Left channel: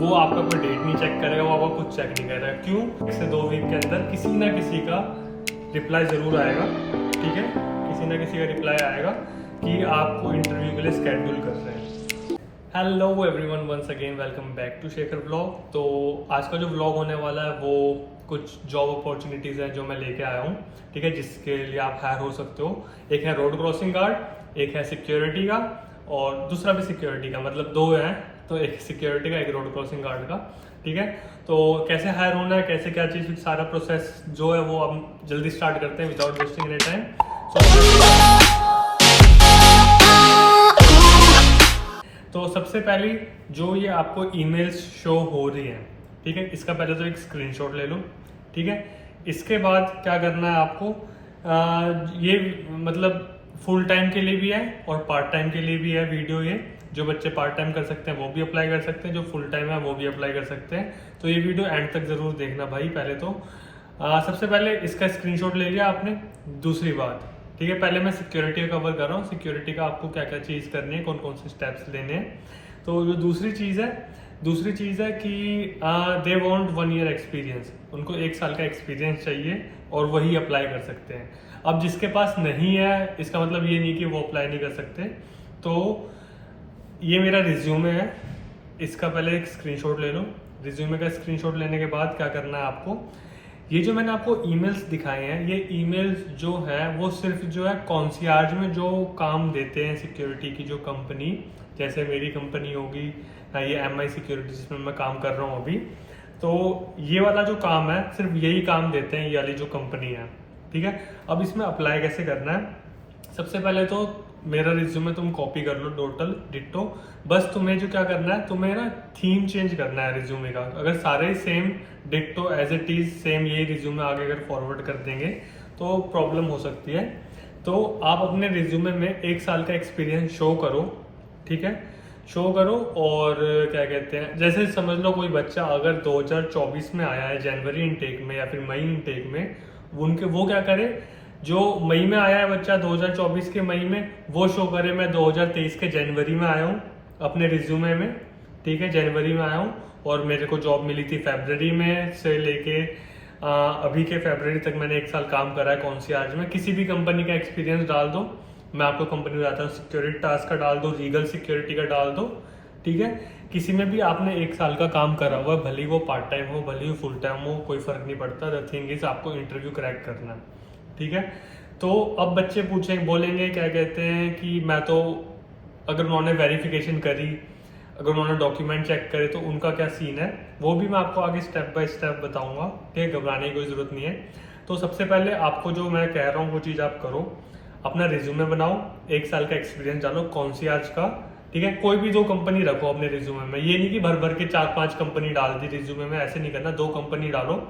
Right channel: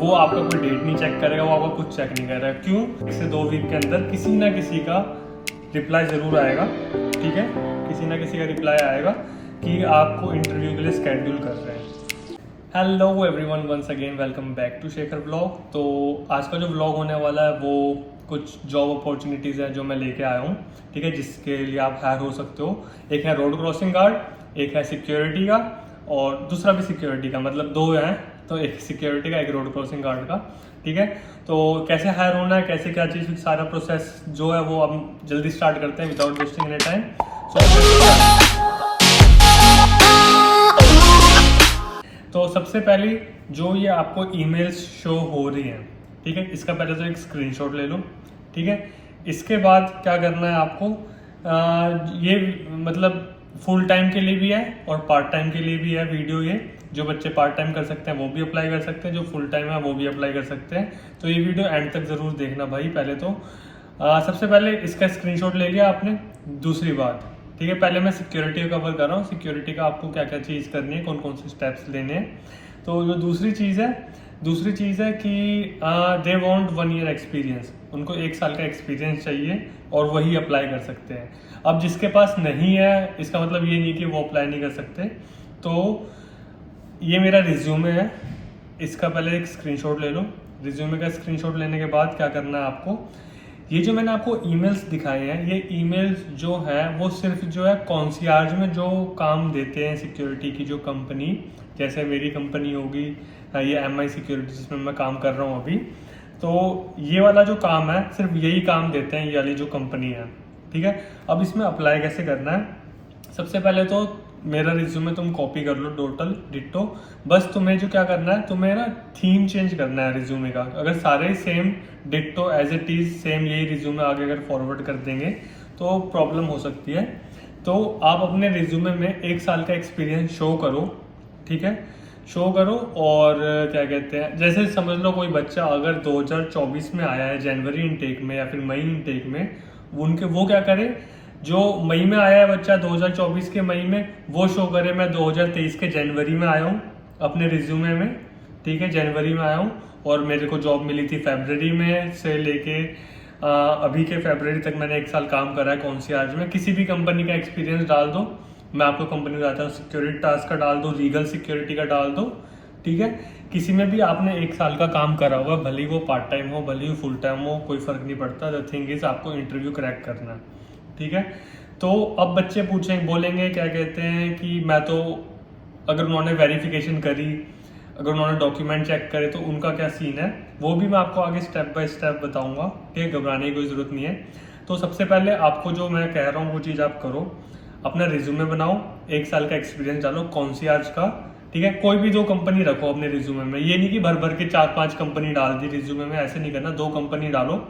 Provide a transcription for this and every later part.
वो आपका कोई डेट नहीं चेक करेगा, वो आपका कुछ चेक नहीं करेगा। क्यों? 1 से 2 वीक के अंदर किसी ना किसी का रिप्लाई ज़रूर आएगा, ठीक है, किसी ना किसी का रिप्लाई आएगा कि आपको इंटरव्यू के लिए स्केड्यूल कर रहे हैं। Hello everyone, once again welcome back to Shekhar vlog. तो आज का जो व्लॉग होने वाला है वो कुछ जॉब अपॉर्चुनिटीज़ है जो मैं लेके आया हूँ, ठीक है, जिसके लिए आप हायर हो सकते हो। एक है रोड क्रॉसिंग गार्ड, एक है सिक्योरिटी का और दूसरा भी सिक्योरिटी का, मतलब 2 हैं, तो एक सिक्योरिटी का एक रोड क्रॉसिंग गार्ड का, ठीक है। तो कैसे हायर होना है, कैसे क्या चीज़, सारा प्रोसेस जो है वो हम जल्दी स्टार्ट करते हैं विदाउट वेस्टिंग एनी टाइम। तो सबसे पहली जो ये आपको ईमेल्स शो हो रही हैं, ठीक है, इसका पहले तो एक स्क्रीनशॉट ले लो, ठीक है। इसके बाद क्या करना है आपको, ये मतलब फुल टाइम के लिए भी है और पार्ट टाइम के लिए भी है वीडियो। ये जो बच्चे पार्ट टाइम कर सकते हैं वो भी अप्लाई कर सकते हैं, जो फुल टाइम है वो भी अप्लाई कर सकते हैं। तो ये वीडियो एंड तक ज़रूर देखना भाई। पहले तो सबसे पहले इसका स्क्रीनशॉट ले लिया आपने। दूसरी बात, ठीक है, पहले मैं सिक्योरिटी का कवर कर रहा हूँ। सिक्योरिटी का आपको क्या क्या चीज़ करनी है, कौन कौन से स्टेप्स लेने हैं। तो जो दूसरी चीज़ है कि दे वांट 1 ईयर एक्सपीरियंस, उनको 1 साल का एक्सपीरियंस चाहिए और वही अप्लाई कर सकते हैं। अब जिसके पास नहीं है, इसका मतलब ये नहीं कि वो अप्लाई नहीं कर सकते। तो ये मेरा रिज्यूमे है, इसका पहले एक स्क्रीनशॉट ले लो। रिज्यूमे का स्क्रीनशॉट लेने के बाद क्या करना है आपको, ये जो मैंने आपको ईमेल्स दिखाए हैं, ये ईमेल्स जो है वो सिर्फ जो है कॉन्सियार्ज में जो काम देते हैं सिक्योरिटी की जो कंपनी, जैसे मेरी कंपनी होगी ये MI सिक्योरिटी जिसमें मैं काम कर रहा हूँ अभी, तो ये वाला जो काम है सिर्फ यही काम देते हैं ये वाली जो कंपनी है, ठीक है। अब इसमें अप्लाई कैसे करना है, सबसे पहले तो मेरा रिज्यूमे तुम कॉपी कर लो टोटल डिट्टो। बस तुम्हें जो क्या करना है, तुम्हें ना थीम चेंज करना है रिज्यूमे का। अगर सारे same ditto as it is same यही रिज्यूमे आगे अगर फॉरवर्ड कर देंगे तो प्रॉब्लम हो सकती है। तो आप अपने रिज्यूमे में 1 साल का एक्सपीरियंस शो करो, ठीक है, शो करो। और क्या कहते हैं, जैसे समझ लो कोई बच्चा अगर 2024 में आया है जनवरी इनटेक में या फिर मई इनटेक में, वो क्या करे, जो मई में आया है बच्चा 2024 के मई में, वो शो करे मैं 2023 के जनवरी में आया हूँ अपने रिज्यूमे में, ठीक है, जनवरी में आया हूँ और मेरे को जॉब मिली थी फरवरी में से लेके अभी के फरवरी तक मैंने 1 साल काम करा है कॉन्सियार्ज में। किसी भी कंपनी का एक्सपीरियंस डाल दो, मैं आपको कंपनी बताता हूँ, सिक्योरिटी टास्क का डाल दो, रीगल सिक्योरिटी का डाल दो, ठीक है। किसी में भी आपने 1 साल का काम करा हुआ, भले ही वो पार्ट टाइम हो भले ही फुल टाइम हो, कोई फर्क नहीं पड़ता। द थिंग इज आपको इंटरव्यू क्रैक करना है, ठीक है। तो अब बच्चे बोलेंगे क्या कहते हैं कि मैं तो, अगर उन्होंने वेरिफिकेशन करी, अगर उन्होंने डॉक्यूमेंट चेक करे तो उनका क्या सीन है, वो भी मैं आपको आगे स्टेप बाय स्टेप बताऊंगा, ठीक है, घबराने की कोई ज़रूरत नहीं है। तो सबसे पहले आपको जो मैं कह रहा हूँ वो चीज़ आप करो, अपना रिज्यूमे बनाओ, 1 साल का एक्सपीरियंस डालो कॉन्सियार्ज का, ठीक है। कोई भी 2 कंपनी रखो अपने रिज्यूमे में, ये नहीं कि भर भर के 4-5 कंपनी डाल दी रिज्यूमे में, ऐसे नहीं करना। 2 कंपनी डालो,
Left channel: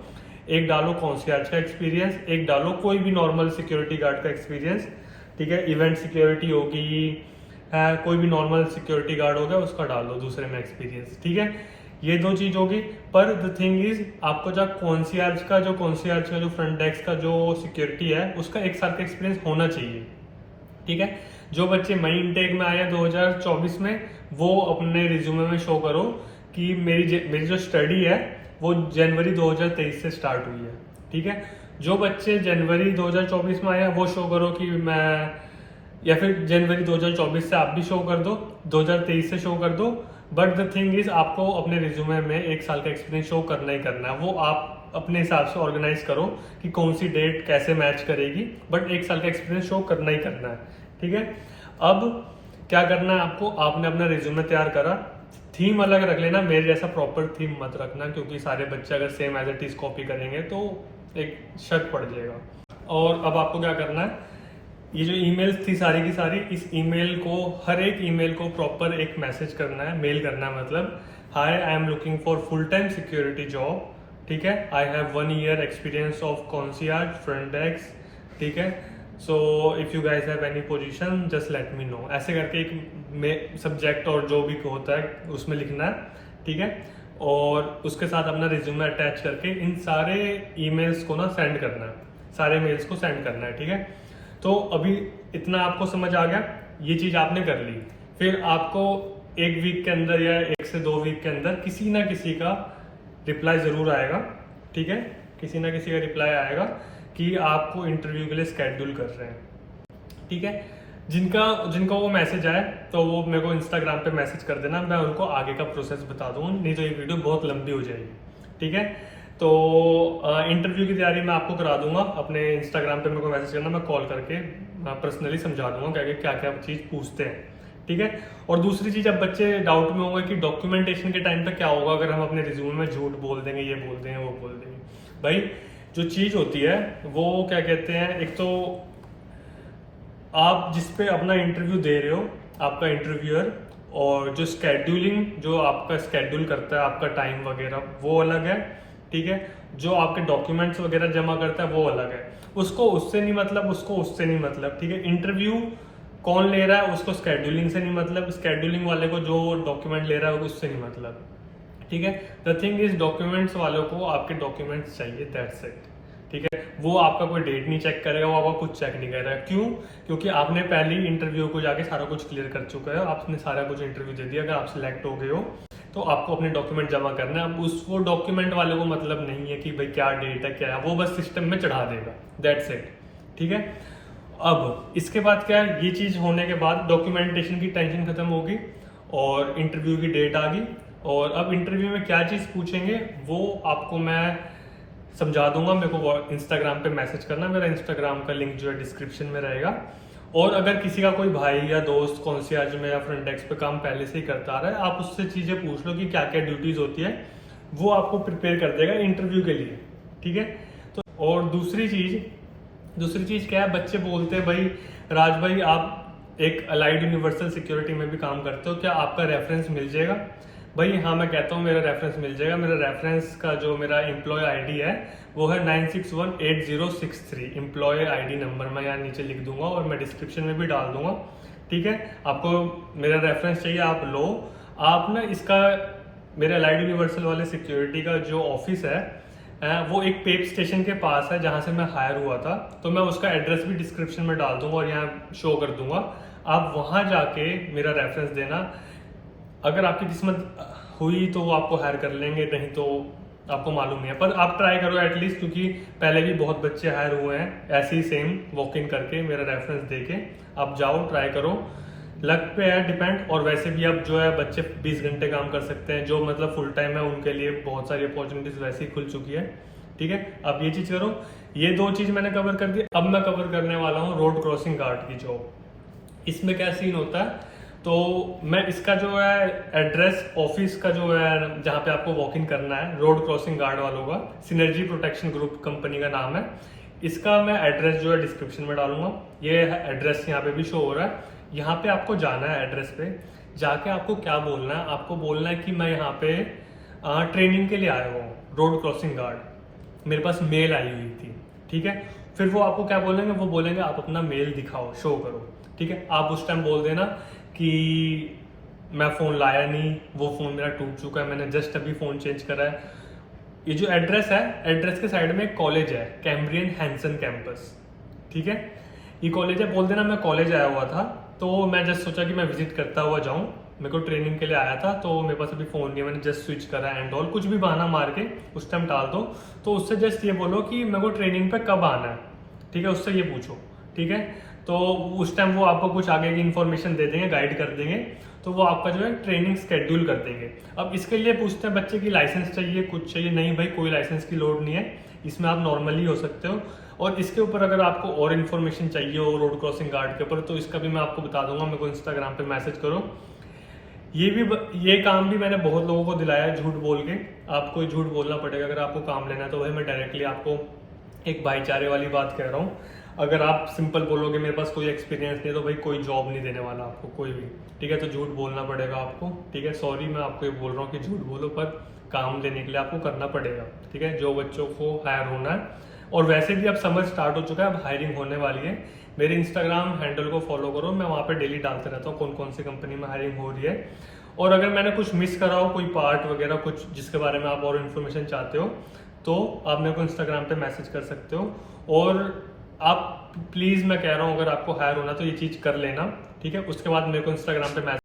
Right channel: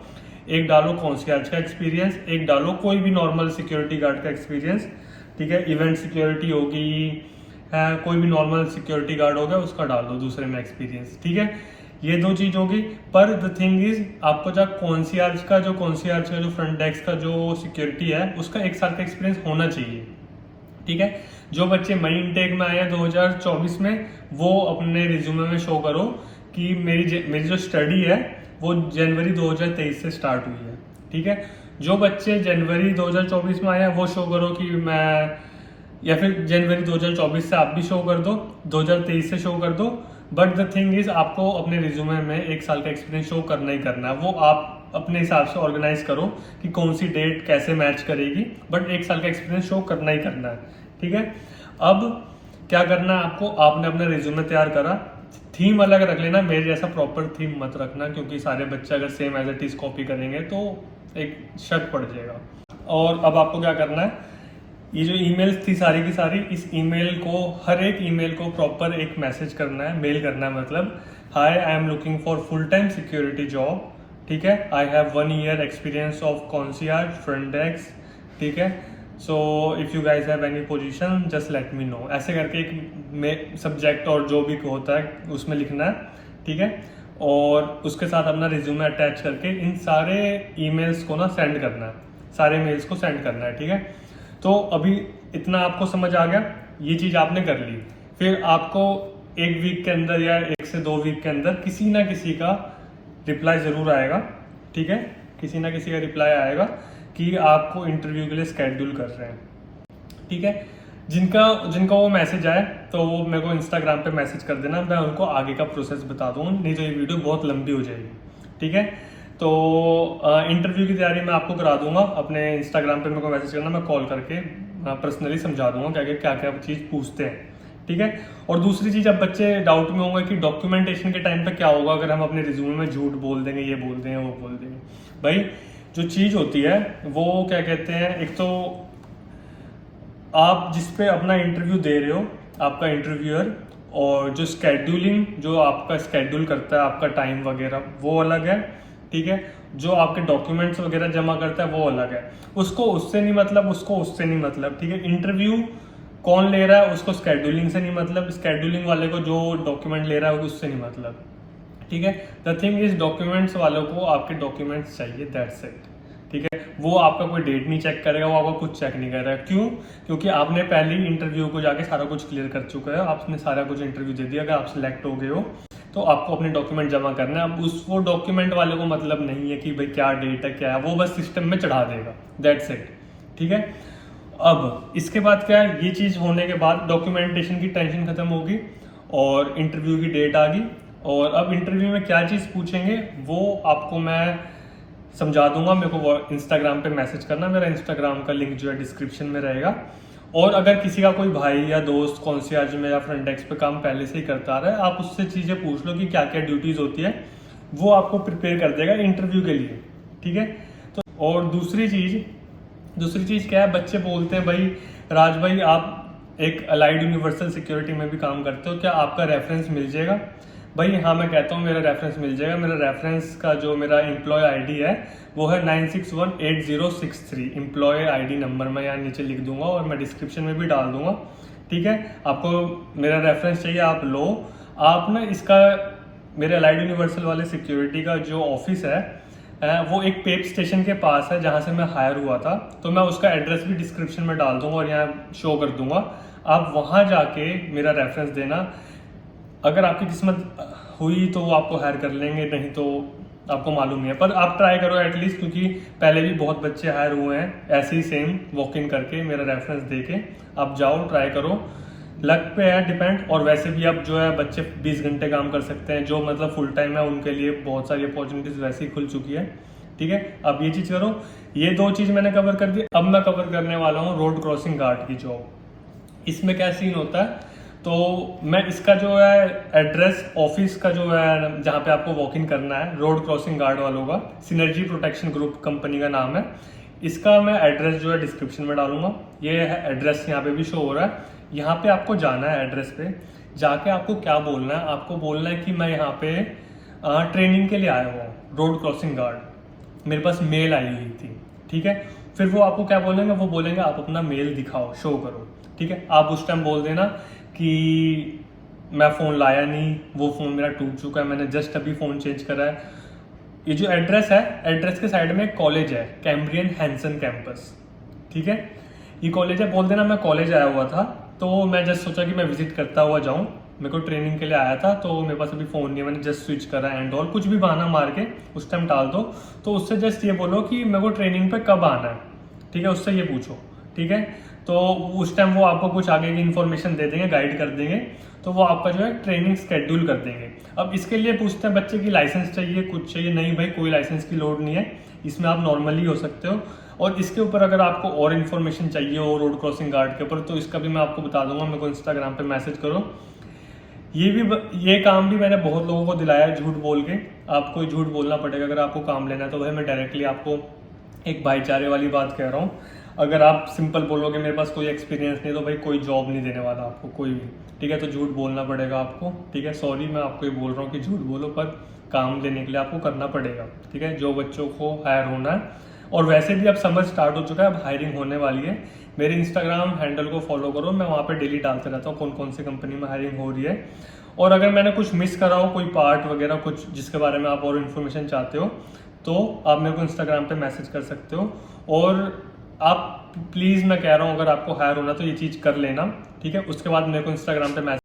एक डालो कॉन्सियार्ज का एक्सपीरियंस, एक डालो कोई भी नॉर्मल सिक्योरिटी गार्ड का एक्सपीरियंस, ठीक है। इवेंट सिक्योरिटी होगी, कोई भी नॉर्मल सिक्योरिटी गार्ड हो गया उसका डाल दो दूसरे में एक्सपीरियंस, ठीक है। ये 2 चीज होगी। पर द थिंग इज आपको जब कॉन्सियार्ज का जो फ्रंट डेस्क का जो सिक्योरिटी है उसका 1 साल का एक्सपीरियंस होना चाहिए, ठीक है। जो बच्चे मई इनटेक में आए हैं 2024 में, वो अपने रिज्यूमे में शो करो कि मेरी जो स्टडी है वो जनवरी 2023 से स्टार्ट हुई है, ठीक है। जो बच्चे जनवरी 2024 में आए हैं वो शो करो कि मैं, या फिर जनवरी 2024 से आप भी शो कर दो, 2023 से शो कर दो। बट द थिंग इज आपको अपने रिज्यूमे में 1 साल का एक्सपीरियंस शो करना ही करना है। वो आप अपने हिसाब से ऑर्गेनाइज करो कि कौन सी डेट कैसे मैच करेगी, बट 1 साल का एक्सपीरियंस शो करना ही करना है, ठीक है। अब क्या करना है आपको, आपने अपना रिज्यूमे तैयार करा, थीम अलग रख लेना, मेरे जैसा प्रॉपर थीम मत रखना, क्योंकि सारे बच्चे अगर same as it is copy करेंगे तो एक शक पड़ जाएगा। और अब आपको क्या करना है, ये जो ईमेल्स थी सारी की सारी, इस ईमेल को, हर एक ईमेल को प्रॉपर एक मैसेज करना है, मेल करना है, मतलब hi I am looking for full time security job, ठीक है, I have 1 year experience of concierge front desk, ठीक है, so if you guys have any position just let me know, ऐसे करके एक सब्जेक्ट और जो भी होता है उसमें लिखना है, ठीक है। और उसके साथ अपना रिज्यूमे अटैच करके इन सारे ईमेल्स को ना सेंड करना है, सारे मेल्स को सेंड करना है, ठीक है। तो अभी इतना आपको समझ आ गया, ये चीज आपने कर ली। फिर आपको 1 वीक के अंदर या 1 से 2 वीक के अंदर किसी ना किसी का रिप्लाई ज़रूर आएगा, ठीक है, किसी ना किसी का रिप्लाई आएगा कि आपको इंटरव्यू के लिए स्केड्यूल कर रहे हैं, ठीक है। जिनका वो मैसेज आए तो वो मेरे को इंस्टाग्राम पे मैसेज कर देना, मैं उनको आगे का प्रोसेस बता दूँ, नहीं तो ये वीडियो बहुत लंबी हो जाएगी, ठीक है। तो इंटरव्यू की तैयारी मैं आपको करा दूंगा, अपने इंस्टाग्राम पे मेरे को मैसेज करना, मैं कॉल करके पर्सनली समझा दूंगा क्या क्या चीज़ पूछते हैं, ठीक है। और दूसरी चीज़, अब बच्चे डाउट में होंगे कि डॉक्यूमेंटेशन के टाइम पे क्या होगा अगर हम अपने रिज्यूमे में झूठ बोल देंगे, ये बोल देंगे, वो बोल देंगे। भाई जो चीज़ होती है वो क्या कहते हैं, एक तो आप जिस पे अपना इंटरव्यू दे रहे हो, आपका इंटरव्यूअर, और जो स्केड्यूलिंग, जो आपका स्केड्यूल करता है आपका टाइम वगैरह, वो अलग है, ठीक है। जो आपके डॉक्यूमेंट्स वगैरह जमा करता है वो अलग है, उसको उससे नहीं मतलब, उसको उससे नहीं मतलब, ठीक है। इंटरव्यू कौन ले रहा है उसको स्केड्यूलिंग से नहीं मतलब, स्केड्यूलिंग वाले को जो डॉक्यूमेंट ले रहा है उससे नहीं मतलब, ठीक है। द थिंग इज डॉक्यूमेंट्स वालों को आपके डॉक्यूमेंट्स चाहिए, दैट्स इट, ठीक है। वो आपका कोई डेट नहीं चेक करेगा, वो आपका कुछ चेक नहीं करेगा। क्यों? क्योंकि आपने पहले ही इंटरव्यू को जाके सारा कुछ क्लियर कर चुका है, आपने सारा कुछ इंटरव्यू दे दिया। अगर आप सिलेक्ट हो गए हो तो आपको अपने डॉक्यूमेंट जमा करना है। अब वो डॉक्यूमेंट वाले को मतलब नहीं है कि भाई क्या डेट है क्या है, वो बस सिस्टम में चढ़ा देगा, दैट्स इट, ठीक है। अब इसके बाद क्या है, ये चीज़ होने के बाद डॉक्यूमेंटेशन की टेंशन खत्म होगी और इंटरव्यू की डेट आ गई। और अब इंटरव्यू में क्या चीज़ पूछेंगे वो आपको मैं समझा दूंगा। मेरे को इंस्टाग्राम पे मैसेज करना, मेरा इंस्टाग्राम का लिंक जो है डिस्क्रिप्शन में रहेगा। और अगर किसी का कोई भाई या दोस्त कॉन्सियर्ज में या फ्रंट डेस्क पे काम पहले से ही करता आ रहा है, आप उससे चीज़ें पूछ लो कि क्या क्या ड्यूटीज़ होती है, वो आपको प्रिपेयर कर देगा इंटरव्यू के लिए, ठीक है। तो और दूसरी चीज़ क्या है, बच्चे बोलते हैं भाई राज भाई आप एक अलाइड यूनिवर्सल सिक्योरिटी में भी काम करते हो, क्या आपका रेफरेंस मिल जाएगा? भाई हाँ, मैं कहता हूँ मेरा रेफरेंस मिल जाएगा। मेरा रेफरेंस का जो मेरा एम्प्लॉय आईडी है वो है 961806 एम्प्लॉय आईडी नंबर मैं यहाँ नीचे लिख दूंगा और मैं डिस्क्रिप्शन में भी डाल दूंगा, ठीक है। आपको मेरा रेफरेंस चाहिए, आप लो। आप ना इसका, मेरे अलाइड यूनिवर्सल वाले सिक्योरिटी का जो ऑफिस है वो एक पेप स्टेशन के पास है जहाँ से मैं हायर हुआ था, तो मैं उसका एड्रेस भी डिस्क्रिप्शन में डाल दूंगा और यहाँ शो कर दूंगा। आप वहाँ जाके मेरा रेफरेंस देना। अगर आपकी किस्मत हुई तो वो आपको हायर कर लेंगे, नहीं तो आपको मालूम नहीं है, पर आप ट्राई करो एटलीस्ट, क्योंकि पहले भी बहुत बच्चे हायर हुए हैं ऐसे ही सेम वॉक इन करके मेरा रेफरेंस देके। आप जाओ, ट्राई करो, लक पे है डिपेंड। और वैसे भी अब जो है बच्चे 20 घंटे काम कर सकते हैं, जो मतलब फुल टाइम है उनके लिए बहुत सारी अपॉर्चुनिटीज वैसे ही खुल चुकी है, ठीक है। अब ये चीज़ करो, ये 2 चीज़ मैंने कवर कर दी। अब मैं कवर करने वाला हूँ रोड क्रॉसिंग गार्ड की जॉब। इसमें क्या सीन होता है, तो मैं इसका जो है एड्रेस ऑफिस का जो है जहाँ पे आपको वॉक इन करना है, रोड क्रॉसिंग गार्ड वालों का, सिनर्जी प्रोटेक्शन ग्रुप कंपनी का नाम है। इसका मैं एड्रेस जो है डिस्क्रिप्शन में डालूंगा। ये है एड्रेस, यहाँ पे भी शो हो रहा है। यहाँ पे आपको जाना है, एड्रेस पे जाके आपको क्या बोलना है, आपको बोलना है कि मैं यहाँ पे ट्रेनिंग के लिए आया हुआ हूँ, रोड क्रॉसिंग गार्ड। मेरे पास मेल आई हुई थी, ठीक है। फिर वो आपको क्या बोलेंगे, वो बोलेंगे आप अपना मेल दिखाओ, शो करो, ठीक है। आप उस टाइम बोल देना कि मैं फ़ोन लाया नहीं, वो फ़ोन मेरा टूट चुका है, मैंने जस्ट अभी फ़ोन चेंज करा है। ये जो एड्रेस है, एड्रेस के साइड में एक कॉलेज है, कैम्ब्रियन हैंसन कैंपस, ठीक है। ये कॉलेज है, बोल देना मैं कॉलेज आया हुआ था, तो मैं जस्ट सोचा कि मैं विजिट करता हुआ जाऊँ, मेरे को ट्रेनिंग के लिए आया था, तो मेरे पास अभी फ़ोन नहीं है, मैंने जस्ट स्विच करा एंड ऑल, कुछ भी बहाना मार के उस टाइम टाल दो। तो उससे जस्ट ये बोलो कि मेरे को ट्रेनिंग पे कब आना है, ठीक है, उससे ये पूछो, ठीक है। तो उस टाइम वो आपको कुछ आगे की इन्फॉर्मेशन दे देंगे, गाइड कर देंगे, तो वो आपका जो है ट्रेनिंग स्केड्यूल कर देंगे। अब इसके लिए पूछते हैं बच्चे की लाइसेंस चाहिए, कुछ चाहिए, नहीं भाई कोई लाइसेंस की लोड नहीं है, इसमें आप नॉर्मली हो सकते हो। और इसके ऊपर अगर आपको और इन्फॉर्मेशन चाहिए हो रोड क्रॉसिंग गार्ड के ऊपर, तो इसका भी मैं आपको बता दूंगा, मेरे को इंस्टाग्राम पे मैसेज करो। ये काम भी मैंने बहुत लोगों को दिलाया है झूठ बोल के। आपको झूठ बोलना पड़ेगा अगर आपको काम लेना है, तो भाई मैं डायरेक्टली आपको एक भाईचारे वाली बात कह रहा हूँ। अगर आप सिंपल बोलोगे मेरे पास कोई एक्सपीरियंस नहीं, तो भाई कोई जॉब नहीं देने वाला आपको कोई भी, ठीक है। तो झूठ बोलना पड़ेगा आपको, ठीक है। सॉरी मैं आपको ये बोल रहा हूँ कि झूठ बोलो, पर काम लेने के लिए आपको करना पड़ेगा, ठीक है, जो बच्चों को हायर होना है। और वैसे भी अब समर स्टार्ट हो चुका है, अब हायरिंग होने वाली है। मेरे इंस्टाग्राम हैंडल को फॉलो करो, मैं वहाँ पे डेली डालते रहता हूँ कौन कौन सी कंपनी में हायरिंग हो रही है। और अगर मैंने कुछ मिस करा हो, कोई पार्ट वगैरह कुछ जिसके बारे में आप और इन्फॉर्मेशन चाहते हो, तो आप मेरे को इंस्टाग्राम पे मैसेज कर सकते हो। और आप प्लीज़, मैं कह रहा हूँ, अगर आपको हायर होना तो ये चीज़ कर लेना, ठीक है। उसके बाद मेरे को इंस्टाग्राम पे मैसेज